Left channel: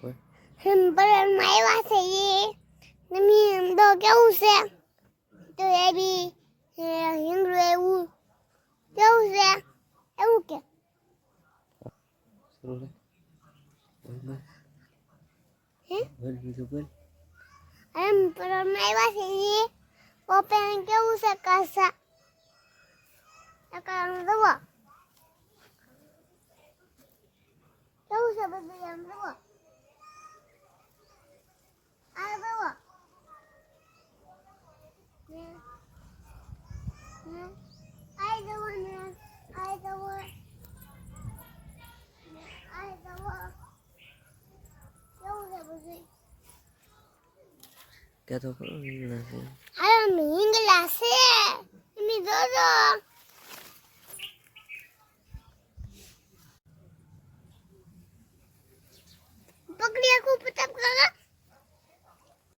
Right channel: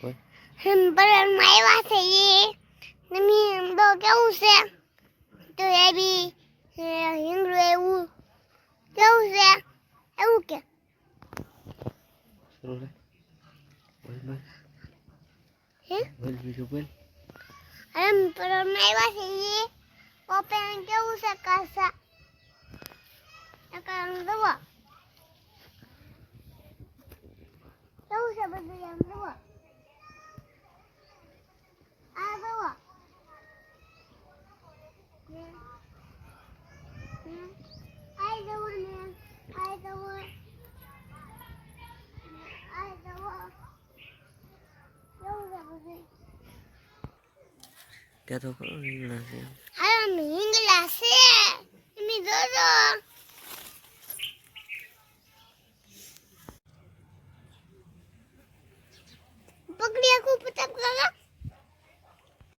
બોલ. હંપરમાં આવ્યા છે એ. નમી તો કેવું છે? તો એ બી હિંગળું એવું કેવું છે? એવું કે. કેવું છે કાસા કેવું છે બધું ¿Qué tocó con mi clase? Ahora mi clase. Mi dodo. Pokrija kupa tam kao